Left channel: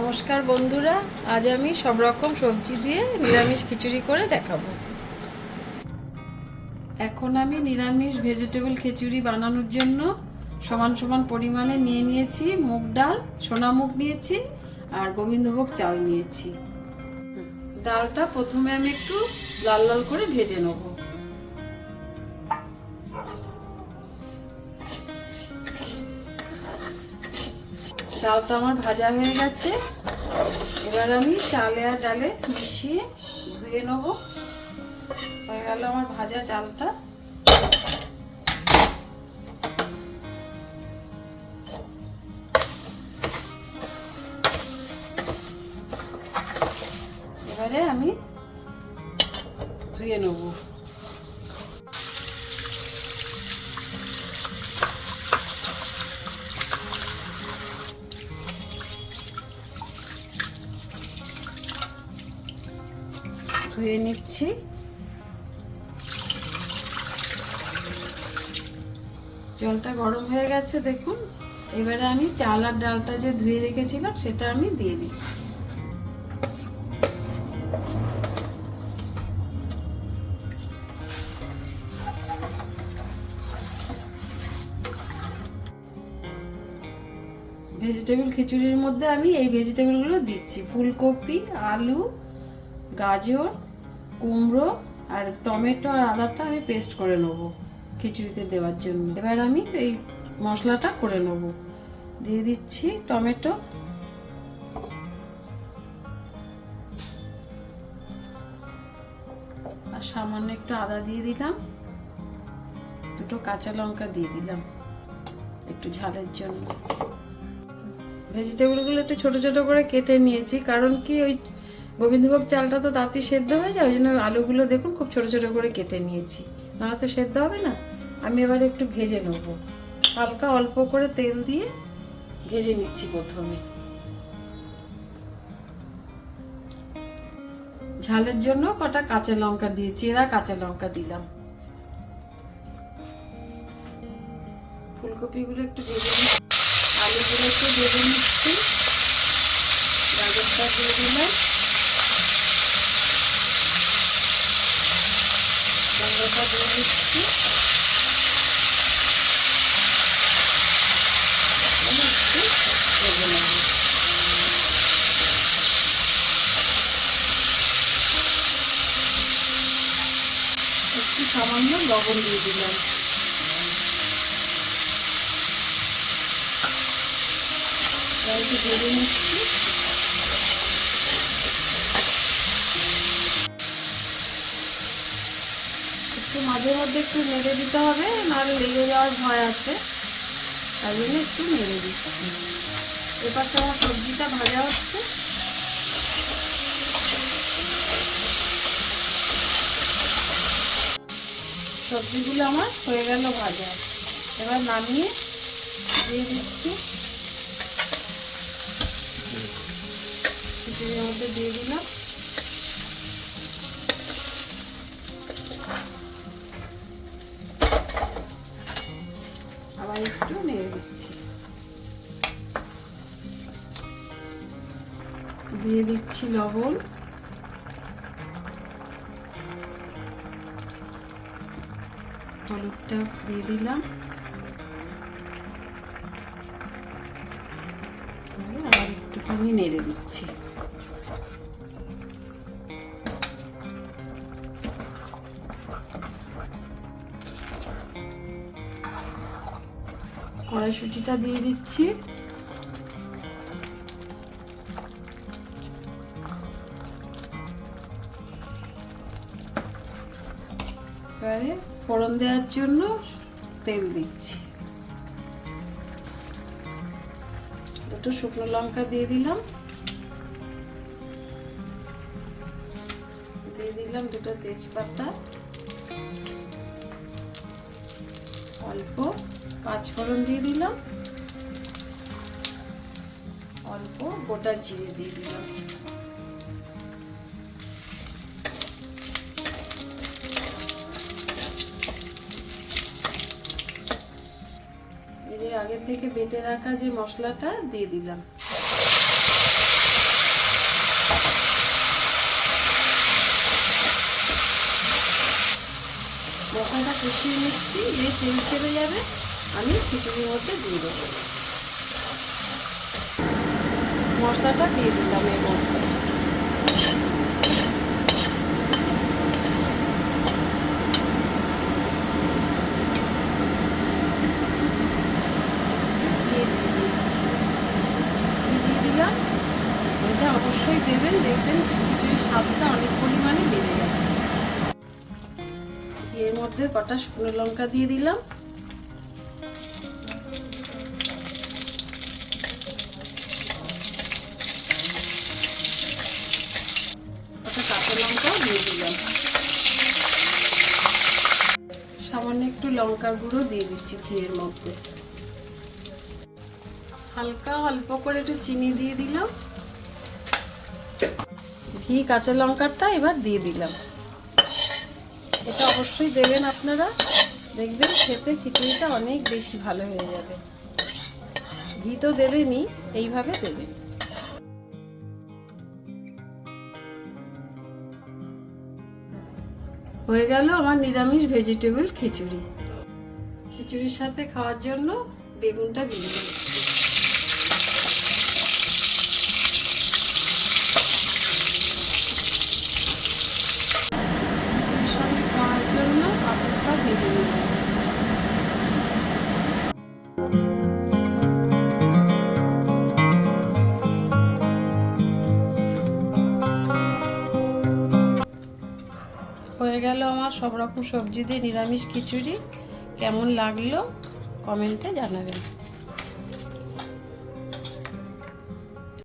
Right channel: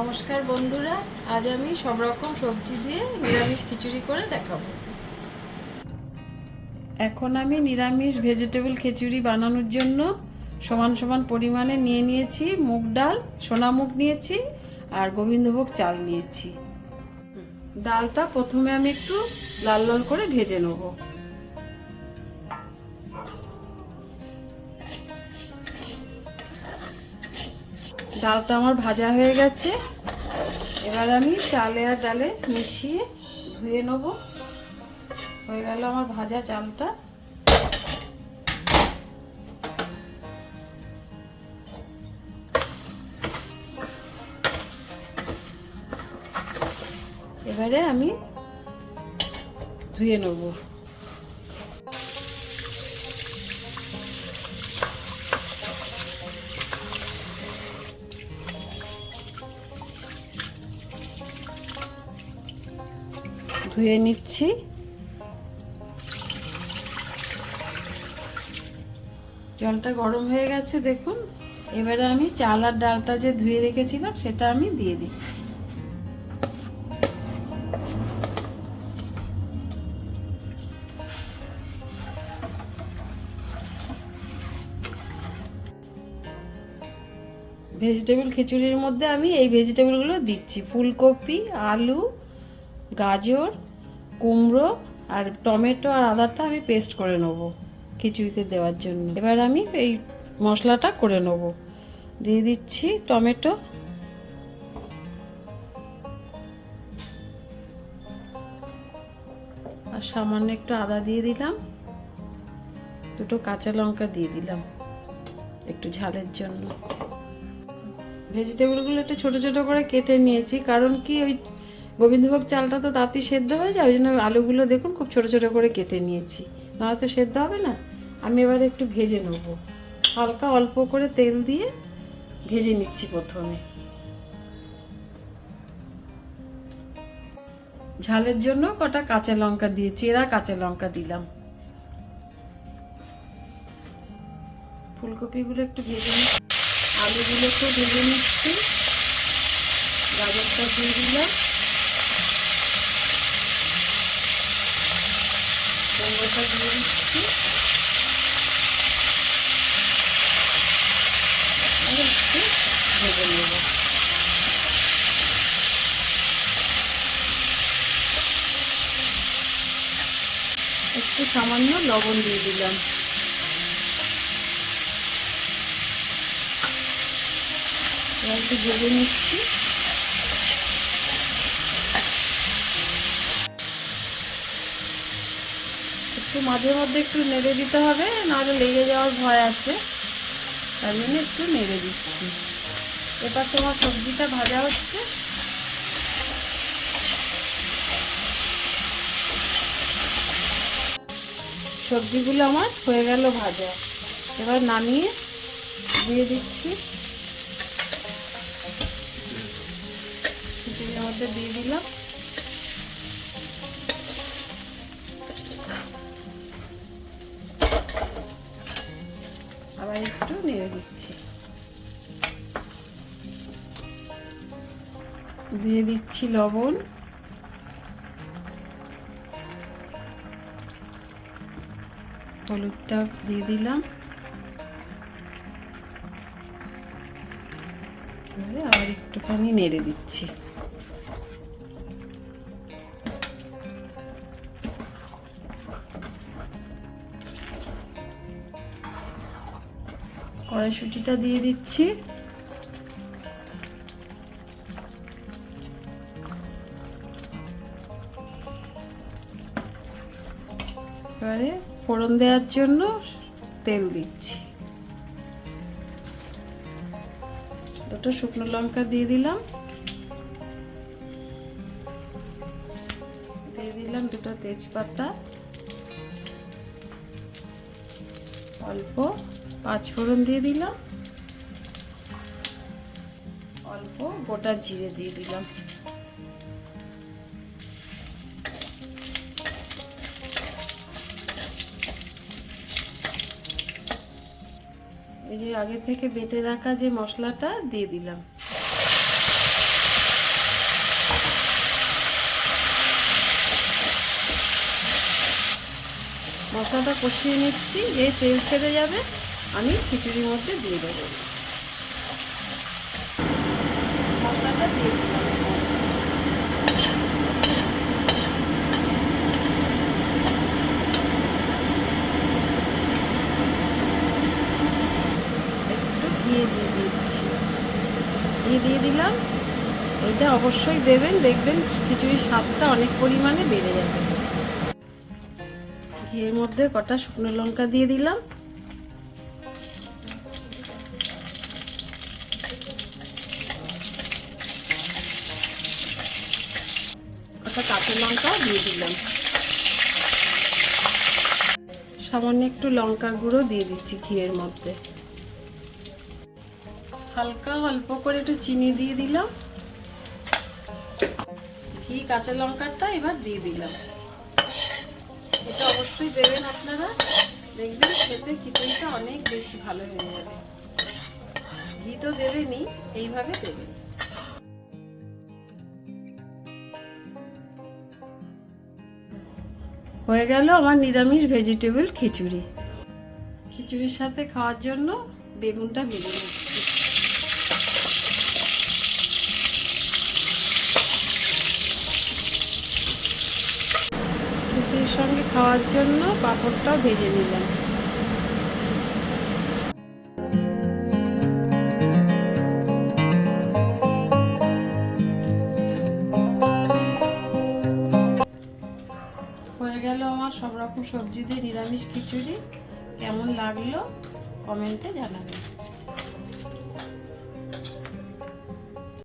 নমস্কার বন্ধুরা, আজ আমি সব রকম সবজি দিয়ে নিরামিষ খিচুড়ি করে দেখাবো। এখন আমি নিরামিষ ভেজিটেবল খিচুড়ি বানানোর জন্য সমান সমান পরিমাণে নিয়ে নিয়েছি মুগ ডাল, সোনা মুগ নিয়েছি আর গোবিন্দভোগ চাল নিয়েছি। ডালটা প্রথমে আমি একটু লাল লাল করে ভেজে নেব। ডালটা আমার ভাজা হয়ে গেছে। এবার আমি চালে আর ডালে মিশিয়ে ধুয়ে নেব। হয়ে গেল আমার ভাজা চালটা। এবারে আমি ধুয়ে নেব। ধুয়ে নিচ্ছি। জলটা গরম হয়ে গেছে দেখুন। এবারে আমি চাল আর ডালটা যে ধুয়ে রেখেছিলাম সেটা আমি দিয়ে দিচ্ছি। ভেজিটেবল খিচুড়ির মধ্যে আমি এই ভেজিটেবলগুলো দিচ্ছি: ফুলকপি, আলু, গাজর, কুমড়ো আর টমেটো আর আদাটা আমি পেস্ট করে নেবো খিচুড়িতে দেওয়ার জন্য। এবার আমি এই মশলাটা করে নেব। দিয়ে দিচ্ছি টমেটো, আর সামান্য একটু আদা দিয়ে দিলাম, দুটো কাঁচা লঙ্কা দিয়ে দিলাম একটু ঝালের জন্য। ভেজিটেবলগুলো একটু ছোট ছোট করে কেটে নিয়েছি, কারণ কি ওই গোবিন্দভোগ চালটা তো তাড়াতাড়ি সেদ্ধ হয়ে যায়, ওই জন্য আলুগুলো দেখুন খুব ছোট ছোট করে কেটে নিয়েছি, নাহলে তো সেদ্ধ হবে না। আমি এবার একটু ভেজে নেব, হালকা অল্প করে তেল দিয়ে ভেজে নিচ্ছি। প্রথমে ঝালের জন্য কটা কাঁচা লঙ্কা দিয়ে চেরা কাঁচা লঙ্কা দিলাম। ফুলকপিগুলো একটু ভেজে নিচ্ছি, আলুগুলো একটু ভেজে নিচ্ছি, গাজরটা দিয়ে দিলাম, টমেটোটা দিয়ে দিচ্ছি, একটু সামান্য লবণ দিয়ে দিলাম। একটু ভেজে নিচ্ছি। একটু মাঝে মধ্যে একটু নেড়ে দিতে হবে, নাহলে লেগে যাওয়ার ভয় আছে, তাই জন্য একটু নেড়ে দিচ্ছি। এপাশে আমার সবজিটা ভাজা হচ্ছে। সবজিগুলো আমার হয়ে গেল ভাজা। এবার নামিয়ে দিয়ে দিচ্ছি, খিচুড়ির মধ্যে দিয়ে দিলাম। আবার একটু নেড়ে দিচ্ছি। দিয়ে দিচ্ছি লবণ, হলুদটা দিয়ে দিলাম, আর একটুখানি নেড়ে দিচ্ছি। কড়াইশুঁটিটা দিয়ে দিচ্ছি, এবারে ফোড়ন দেওয়ার জন্য তেল দিচ্ছি। দুটো শুকনো লঙ্কা দিয়ে দিলাম, দিয়ে দিলাম দুটো তেজপাতা, অল্প পাঁচফোড়ন দিয়ে দিলাম, অল্প গোটা জিরে দিয়ে দিলাম। এই যে আগে থেকে বেটে রাখা যে মশলাটা দিয়ে দিলাম। মশলাটা কষিয়ে নিচ্ছি, এই তেল ছেড়ে যাবে আমি খিচুড়ির মধ্যে দিয়ে দেবো। মশলাটা দিয়ে দিলাম এর মধ্যে। দিয়ে দিলাম, এটা অবশ্যই দেবেন, দেখবেন খিচুড়ির স্বাদটা অনেক পরিমাণে বেড়ে যাবে। এর মধ্যে কটা শুকনো লঙ্কা দিয়ে দিলাম, কটা কাঁচা লঙ্কাও দিয়ে দিলাম, সামান্য একটু লঙ্কার গুঁড়ো দিয়ে দিচ্ছি ঘিয়ের মধ্যে, হালকা অল্প করে একটু চিনি দিয়ে দিলাম, ঘি কাঁচা লঙ্কাটা এবার দিয়ে দিলাম। এটা অবশ্যই দেবেন আপনারা, দেখবেন খেতে খিচুড়িটা অনেক বেশি ভালো হয়ে যাবে। ঘি তো দেবেনই, এইভাবে দেবেন। হয়ে গেল আমার নিরামিষ ভেজিটেবল খিচুড়ি। খিচুড়ির সাথে খাওয়ার জন্য বেগুনটা ভেজে নিচ্ছি। খিচুড়ির সঙ্গে খাওয়ার জন্য পাঁপড়টাও ভেজে নিলাম। হয়ে গেল আমার সব রকম সবজি দিয়ে নিরামিষ খিচুড়ি। কেমন লাগলো কমেন্টে জানাবেন।